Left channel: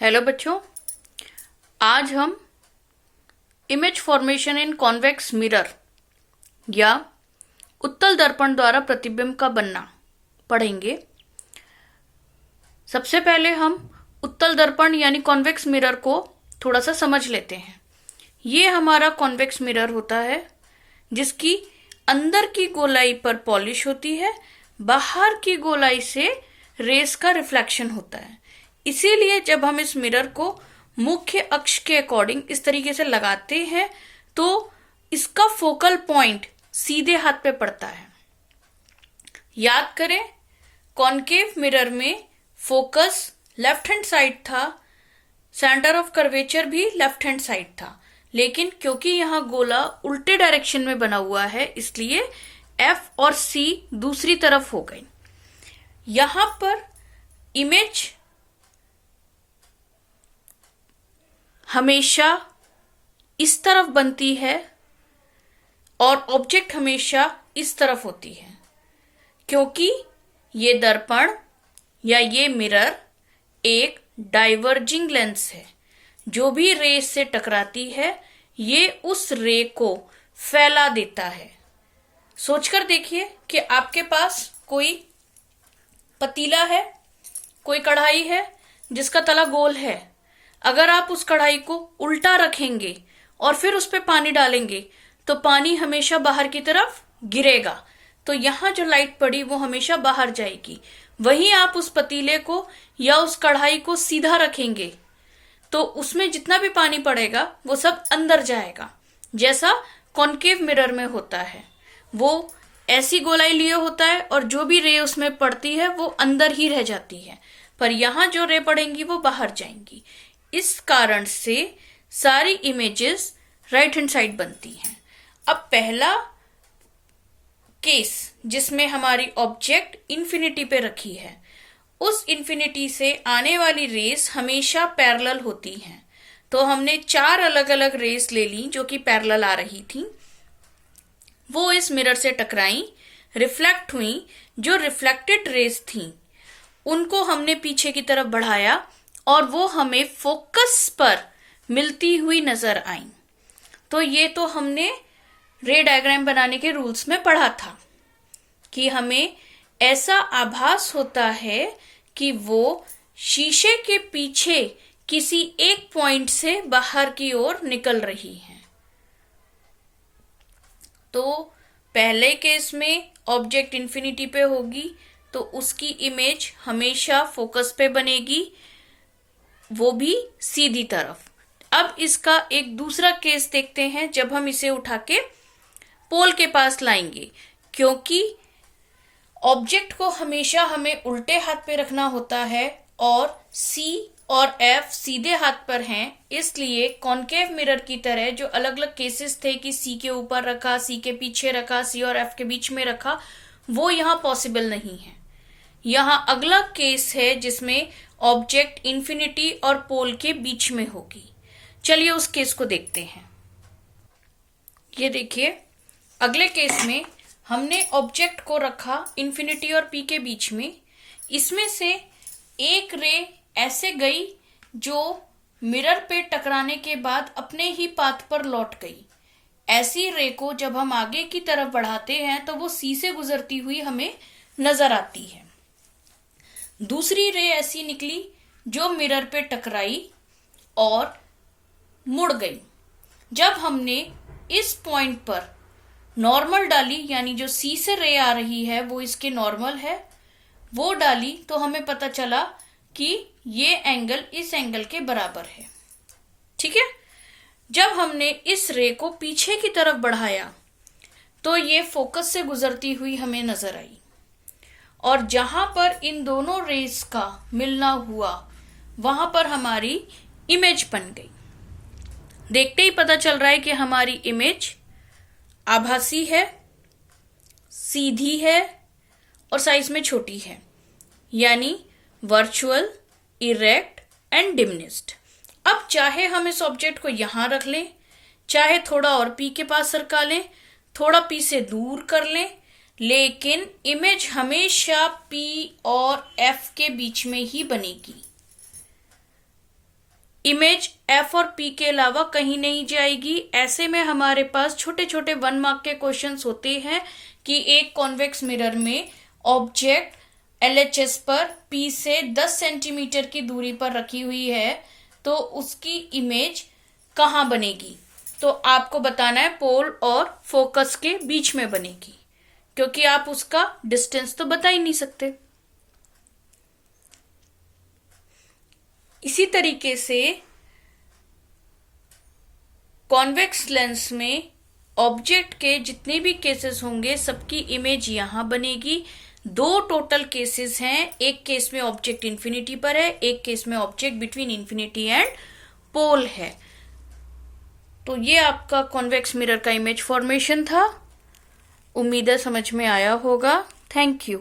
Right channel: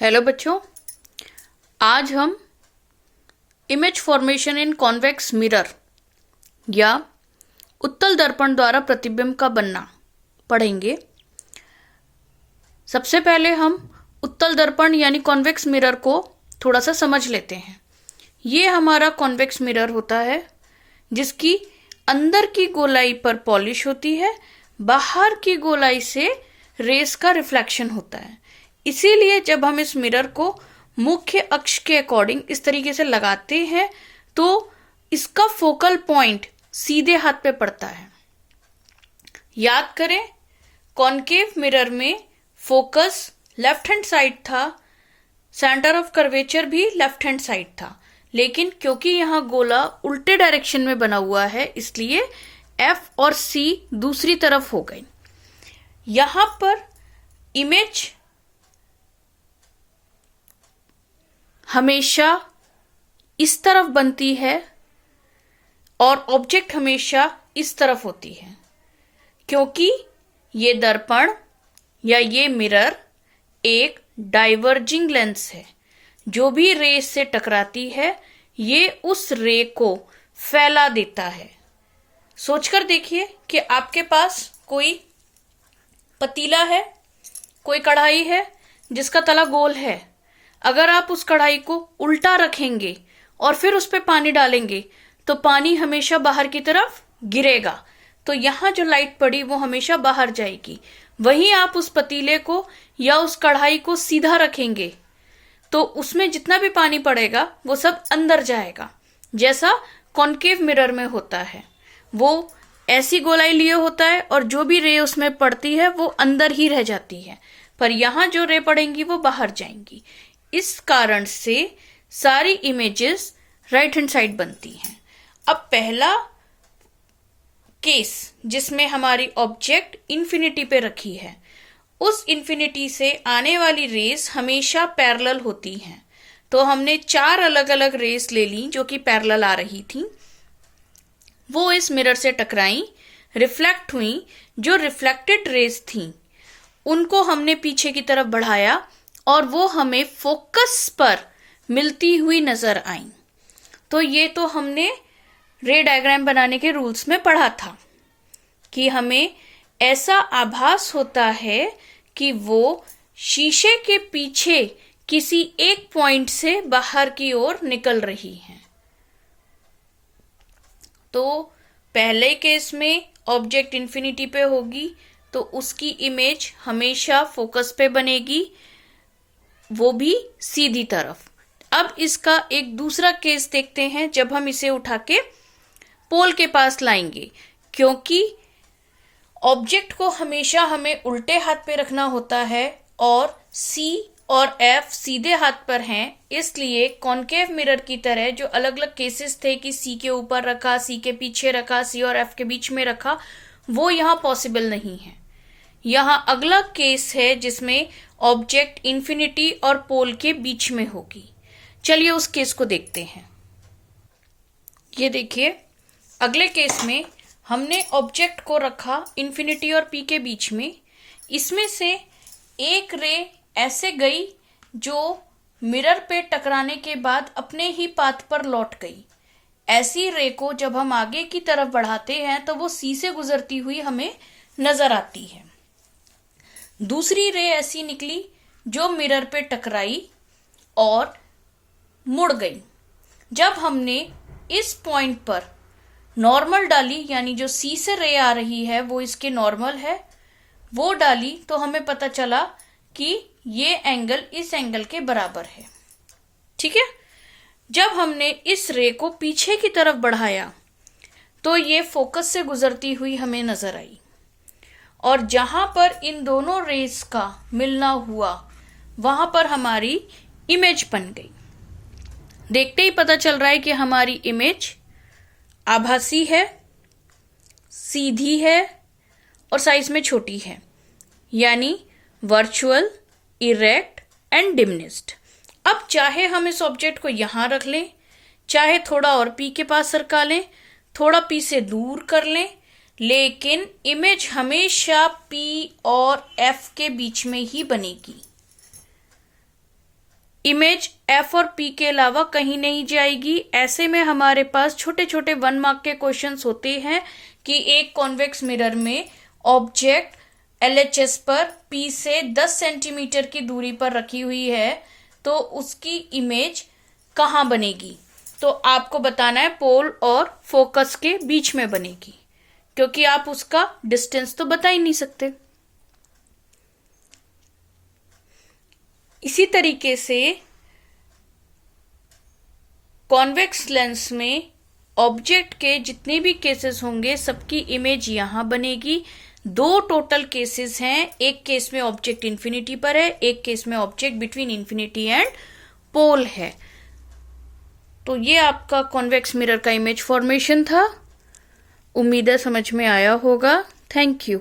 Hello बच्चों, आज हम इमेज फॉर्मेशन इन कॉन्वेक्स मिरर या उत्तल दर्पण द्वारा प्रतिबिंब का बनना पढ़ेंगे। सबसे पहले हम उत्तल दर्पण यानी कॉन्वेक्स मिरर को थोड़ा सा समझ लेते हैं। ये हमारा कॉन्वेक्स मिरर होता है जिसकी अंदर की गोलाई पर पॉलिश होती है, बाहर की गोलाई से रेस का रिफ्लेक्शन होता है। इसीलिए जब हम इस मिरर को मुख्य अक्ष के अकॉर्डिंग इस तरीके से लगाते हैं तो इसका फोकल पॉइंट सीधे हाथ पे पड़ता है। याद करें, कॉन्केव मिरर में फोकस लेफ्ट हैंड साइड था, सेंटर ऑफ कर्वेचर भी लेफ्ट हैंड साइड था, लेकिन क्योंकि यहां गोला उल्टे डायरेक्शन में बना हुआ है इसलिए एफ और सी दूसरी तरफ हो गई। यहां पर इमेज हमेशा इस तरफ बनती है और ऑब्जेक्ट हमेशा इस तरफ होती है, क्योंकि ये दर्पण या ये मिरर एक डाइवर्जिंग लेंस है। जो भी रे से टकराती है ये उस रे को फैला देता है। सोचकर देखिए कि आपके पास कोई पतीला है, कोई कढ़ाई है जिसका तला गोल है। अगर आप उस कढ़ाई को उल्टा रखेंगे और फिर उस पर पानी डालेंगे तो पानी हमेशा बाहर की तरफ गिरेगा, तो यहां जो लाइट पड़ी वो हमेशा बाहर जाएगी। वहीं आप उस पतीले को या उस कढ़ाई को सीधा रखेंगे तो उसमें जितना भी पानी पड़ेगा वो सब अंदर जाएगा। जैसा कॉन्केव मिरर में होता है, वो ऐसी गोलाई लिए होता है और जो भी रे उसमें पड़ती है वो अंदर ही रह जाती है, पर यहां जो रे पड़ेंगी वो बाहर जाएंगी। इस कारण से सारी इमेजेस राइट हैंड साइड बनती हैं। अब पहला केस जिसमें हमारी ऑब्जेक्ट इन्फिनिटी पे रखी है, उस इन्फिनिटी से आने वाली रेस हमेशा पैरेलल होती हैं। तो हमने 4 अलग अलग रेस ले ली जो कि पैरेलल आ रही थी, वो इस मिरर से टकराई, रिफ्लेक्ट हुई। जो रिफ्लेक्टेड रेस थी उनको हमने पीछे की तरफ बढ़ाया और वो हमें फोकस पर मिलती हुई नजर आई। तो ये तो हमने रे डायग्राम बनाने के रूल्स में पढ़ा था कि हमें ऐसा आभास होता है कि वो शीशे के पीछे किसी एक पॉइंट से बाहर की ओर निकल रही है। तो पहले केस में ऑब्जेक्ट इन्फिनिटी पे होगी तो उसकी इमेज हमेशा फोकस पे बनेगी, वो भी सीधी तरफ। अब इसका एक दूसरा केस देखते हैं जब हम इसे उठा के पोल के पास लाएंगे। क्योंकि ऑब्जेक्ट को हमेशा हमें उल्टे हाथ पे रखना होता है और C और F सीधे हाथ पर हैं, इसलिए कॉन्केव मिरर की तरह जो अलग अलग केसेस थे कि C के ऊपर रखा, C के पीछे रखा, C और F के बीच में रखा, वो यहां पॉसिबल नहीं है। यहां अगला केस है जिसमें ऑब्जेक्ट इन्फिनिटी और पोल के बीच में होगी। चलिए उस केस को देखते हैं। ये देखिए, अगले केस में हमने ऑब्जेक्ट को रखा इन्फिनिटी और P के बीच में। इसमें से एक रे ऐसे गई जो मिरर पे टकराने के बाद अपने ही पाथ पर लौट गई। ऐसी रे को जब हम आगे की तरफ बढ़ाते हैं तो वो C से गुजरती हुई हमें नजर आती है। दूसरी रे ऐसी निकली जो मिरर पे टकराई और मुड़ गई। जब हमने इस पॉइंट पर नॉर्मल डाली, यानी जो C से रे आ रही है वो इसके नॉर्मल है, वो डाली, तो हमें पता चला कि ये एंगल इस एंगल के बराबर है। ठीक है। जब हमने इस रे को पीछे की तरफ बढ़ाया तो ये फोकस से गुजरती हुई हमें नजर आई और जहां पर इन दोनों रेस का मिलना हुआ वहां पर हमारी इमेज बन गई। देखते ही पता चल रहा है कि हमारी इमेज आभासी है, सीधी है और साइज में छोटी है, यानी वर्चुअल, इरेक्ट एंड डिमिनिश्ड। अब चाहे हम इस ऑब्जेक्ट को यहां रख लें, चाहे थोड़ा और P के पास सरका लें, थोड़ा P से दूर कर लें, लेकिन इमेज हमेशा P और F के बीच में ही बनेगी। इमेज एफ और पी के अलावा कहीं नहीं जाएगी। ऐसे में हमारे पास छोटे छोटे 1 मार्क के क्वेश्चंस होते हैं कि एक कॉन्वेक्स मिरर में ऑब्जेक्ट एलएचएस पर पी से 10 सेंटीमीटर की दूरी पर रखी हुई है, तो उसकी इमेज कहाँ बनेगी। तो आपको बताना है पोल और फोकस के बीच में बनेगी, क्योंकि आप उसका डिस्टेंस तो बता ही नहीं सकते। इसी तरीके से कॉन्वेक्स लेंस में ऑब्जेक्ट के जितने भी केसेस होंगे सबकी इमेज यहां बनेगी। 2 टोटल केसेस हैं, एक केस में ऑब्जेक्ट इंफिनिटी पर है, एक केस में object between infinity and pole है। तो ये आपका कॉन्वेक्स मिरर का इमेज फॉर्मेशन था। उम्मीद है समझ में आया होगा। Thank you.